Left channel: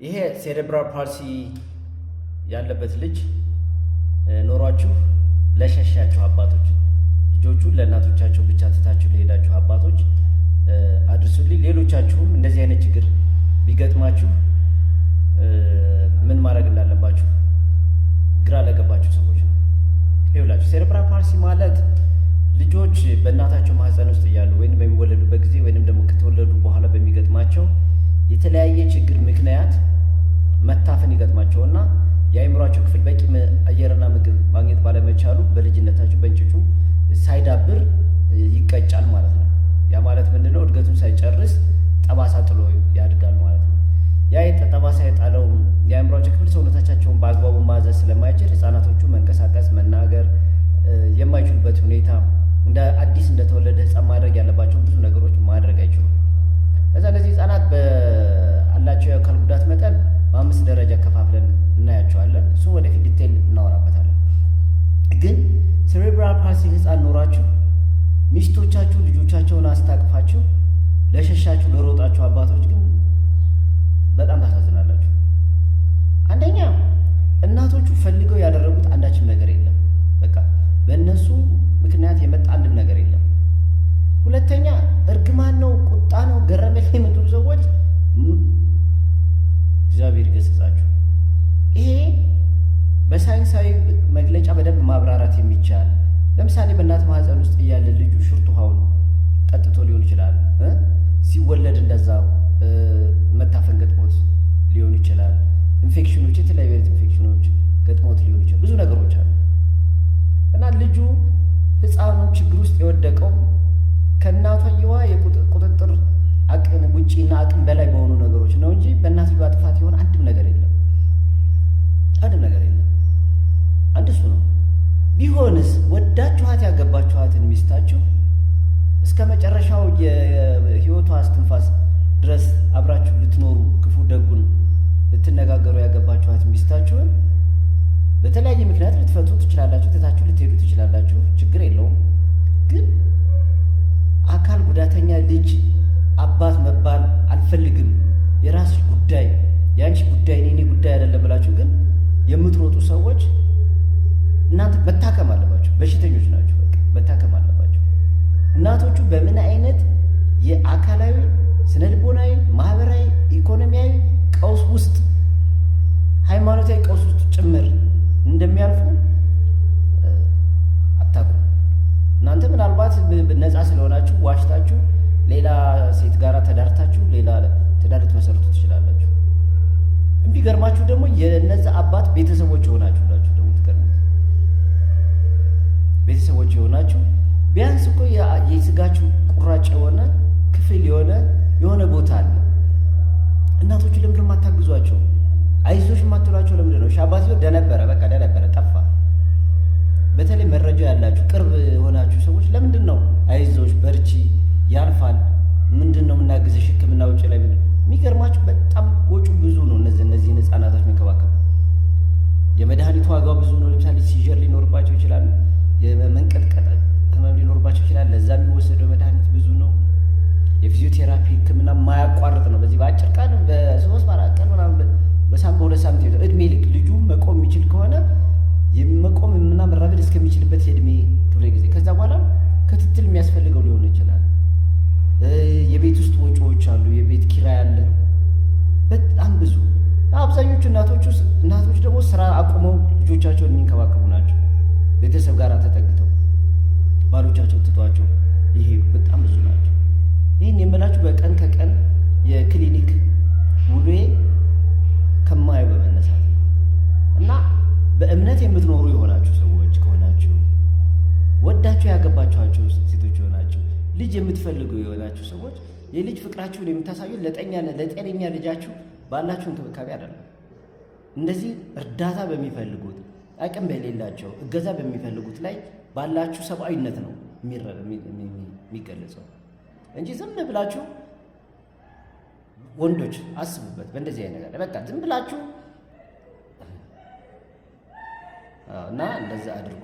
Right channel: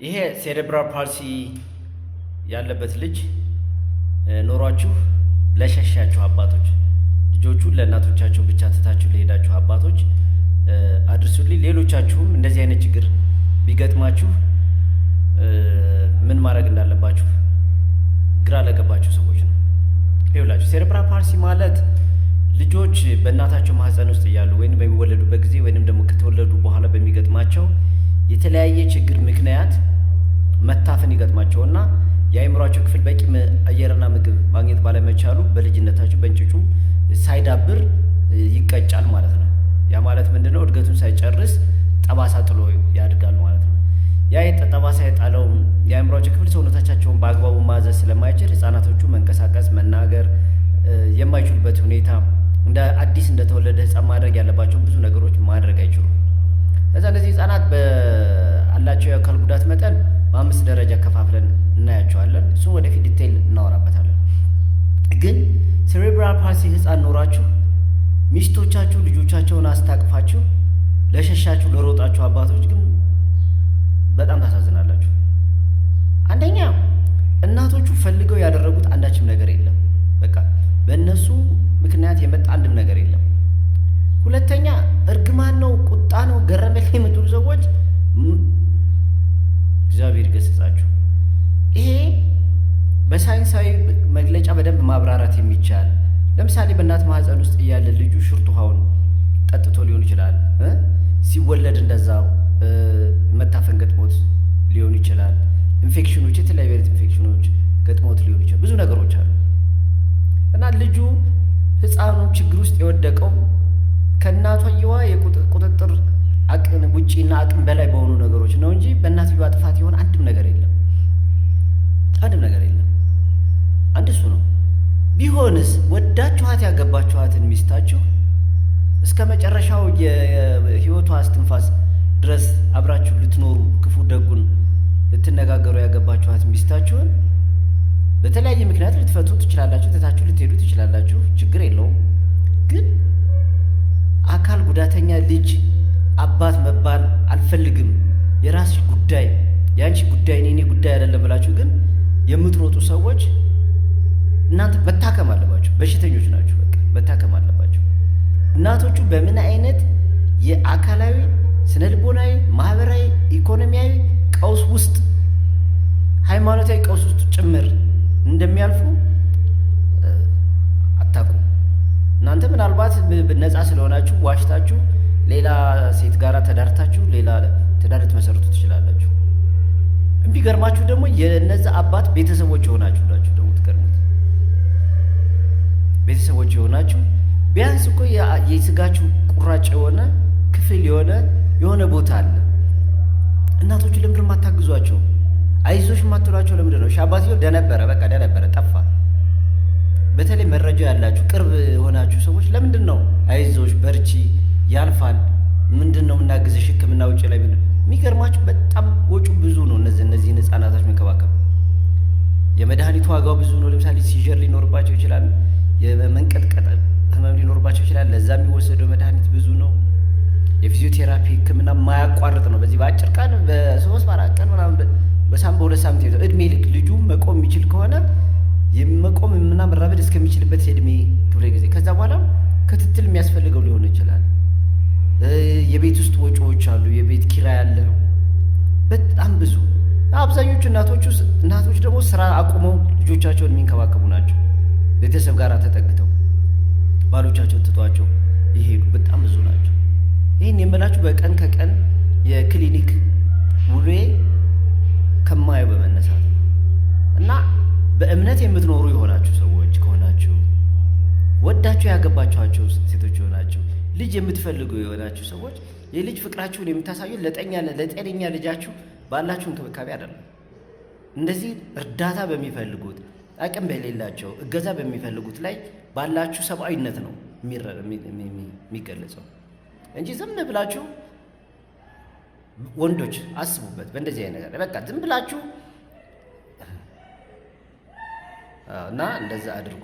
ይሄ ሴሬብራል ፓልሲ ያለበት ልጅ ኖሯችሁ ለሸሻችሁ አባቶች ልጆቹን ለእናቶቻቸው ብቻ ትታችሁ ለሄዳችሁ አባቶች አድርሱልኝ። ሌሎቻችሁም እንደዚህ አይነት ችግር ቢገጥማችሁ ምን ማድረግ እንዳለባችሁ ግራ ለገባችሁ ሰዎች ነው። ይኸውላችሁ ሴሬብራል ፓልሲ ማለት ልጆች በእናታቸው ማህፀን ውስጥ እያሉ ወይም በሚወለዱበት ጊዜ ወይም ደግሞ ከተወለዱ በኋላ በሚገጥማቸው የተለያየ ችግር ምክንያት መታፈን ይገጥማቸውና የአእምሯቸው ክፍል በቂ አየርና ምግብ ማግኘት ባለመቻሉ በልጅነታቸው በእንጭጩ ሳይዳብር ይቀጫል ማለት ነው። ያ ማለት ምንድነው? እድገቱን ሳይጨርስ ጠባሳ ጥሎ ያድጋል ማለት ነው። ያ ጠባሳ የጣለው የአእምሯቸው ክፍል ሰውነታቸውን በአግባቡ ማዘዝ ስለማይችል ህፃናቶቹ መንቀሳቀስ፣ መናገር የማይችሉበት ሁኔታ እንደ አዲስ እንደተወለደ ህፃን ማድረግ ያለባቸው ብዙ ነገሮች ማድረግ አይችሉም። ከዛ እነዚህ ህፃናት በአላቸው የአካል ጉዳት መጠን በ5 ደረጃ ከፋፍለን እናያቸዋለን። እሱም ወደፊት ዲቴይል እናወራበታለን። ግን ሴሬብራል ፓልሲ ህፃን ኖራችሁ ሚስቶቻችሁ ልጆቻቸውን አስታቅፋችሁ ለሸሻችሁ ለሮጣችሁ አባቶች ግን በጣም ታሳዝናላችሁ። አንደኛ እናቶቹ ፈልገው ያደረጉት አንዳችም ነገር የለም። በቃ በእነሱ ምክንያት የመጣ አንድም ነገር የለም። ሁለተኛ እርግማን ነው፣ ቁጣ ነው፣ ገረመል የምትሉ ሰዎች እግዚአብሔር ይገስጻችሁ። ይሄ በሳይንሳዊ መግለጫ በደንብ ማብራራት የሚቻል ለምሳሌ በእናት ማህፀን ውስጥ እያለ ልጁ ሽርት ውሃውን ጠጥቶ ሊሆን ይችላል። ሲወለድ እንደዛው መታፈን ገጥሞት ሊሆን ይችላል። ኢንፌክሽኖች፣ የተለያዩ አይነት ኢንፌክሽኖች ገጥሞት ሊሆን ይችላል። ብዙ ነገሮች አሉ እና ልጁ ህፃኑ ችግር ውስጥ የወደቀው ከእናቷየዋ የቁጥጥር አቅም ውጪና አቅም በላይ በሆኑ ነገሮች ነው እንጂ በእናትየዋ ጥፋት የሆነ አንድም ነገር የለም። አንድም ነገር የለም። አንድ እሱ ነው። ቢሆንስ ወዳችኋት ያገባችኋትን ሚስታችሁ እስከ መጨረሻው የህይወቷ እስትንፋስ ድረስ አብራችሁ ልትኖሩ ክፉ ደጉን ልትነጋገሩ ያገባችኋት ሚስታችሁን በተለያየ ምክንያት ልትፈቱ ትችላላችሁ፣ ትታችሁ ልትሄዱ ትችላላችሁ። ችግር የለውም። ግን አካል ጉዳተኛ ልጅ አባት መባል አልፈልግም፣ የራስሽ ጉዳይ፣ የአንቺ ጉዳይ፣ እኔ ጉዳይ አይደለም ብላችሁ ግን የምትሮጡ ሰዎች እናንተ መታከም አለባችሁ። በሽተኞች ናችሁ። በቃ መታከም አለባችሁ። እናቶቹ በምን አይነት የአካላዊ ስነልቦናዊ፣ ማህበራዊ፣ ኢኮኖሚያዊ ቀውስ ውስጥ ሃይማኖታዊ ቀውስ ውስጥ ጭምር እንደሚያልፉ አታውቁም። እናንተ ምናልባት ነፃ ስለሆናችሁ ዋሽታችሁ ሌላ ሴት ጋር ተዳርታችሁ ሌላ ትዳር ልትመሰርቱ ትችላላችሁ። የሚገርማችሁ ደግሞ የነዛ አባት ቤተሰቦች የሆናችሁ ናችሁ። ደግሞ ትገርሙት ቤተሰቦች የሆናችሁ ቢያንስ እኮ የስጋችሁ ቁራጭ የሆነ ክፍል የሆነ ቦታ አለ። እናቶቹ ለምንድን የማታግዟቸው? አይዞሽ የማትሏቸው ለምንድን ነው? አባትየው ደነበረ፣ በቃ ደነበረ፣ ጠፋ። በተለይ መረጃ ያላችሁ ቅርብ የሆናችሁ ሰዎች ለምንድን ነው አይዞሽ በርቺ ያልፋል፣ ምንድን ነው የምናግዝሽ፣ ሕክምና ውጭ ላይ ምንድን የሚገርማችሁ በጣም ወጪ ብዙ ነው። እነዚህን ህፃናቶች መንከባከብ የመድኃኒቱ ዋጋው ብዙ ነው። ለምሳሌ ሲዥር ሊኖርባቸው ይችላል፣ የመንቀጥቀጥ ህመም ሊኖርባቸው ይችላል። ለዛ የሚወሰደው መድኃኒት ብዙ ነው። የፊዚዮቴራፒ ሕክምና ማያቋርጥ ነው። በዚህ በአጭር ቀን በ3 4 ቀን ምናምን በሳምንት በ2 ሳምንት ይዘው እድሜ ልክ ልጁ መቆም የሚችል ከሆነ መቆም እና መራመድ እስከሚችልበት የእድሜ ክፍለ ጊዜ ከዛ በኋላ ክትትል የሚያስፈልገው ሊሆን ይችላል። የቤት ውስጥ ወጪዎች አሉ፣ የቤት ኪራይ አለ፣ በጣም ብዙ። አብዛኞቹ እናቶች ደግሞ ስራ አቁመው ልጆቻቸውን የሚንከባከቡ ናቸው። ቤተሰብ ጋር ተጠግተው ባሎቻቸውን ትቷቸው ይሄዱ በጣም ብዙ ናቸው። ይህን የምላችሁ በቀን ከቀን የክሊኒክ ውሎዬ ከማየው በመነሳት ነው። እና በእምነት የምትኖሩ የሆናችሁ ሰዎች ከሆናችሁ ወዳችሁ ያገባችኋቸው ሴቶች የሆናችሁ ልጅ የምትፈልጉ የሆናችሁ ሰዎች የልጅ ፍቅራችሁን የምታሳዩት ለጤነኛ ልጃችሁ ባላችሁ እንክብካቤ አይደለም። እንደዚህ እርዳታ በሚፈልጉት አቅም በሌላቸው እገዛ በሚፈልጉት ላይ ባላችሁ ሰብአዊነት ነው የሚገለጸው እንጂ ዝም ብላችሁ ወንዶች አስቡበት። በእንደዚህ አይነት ነገር በቃ ዝም ብላችሁ እና እንደዛ አድርጉ።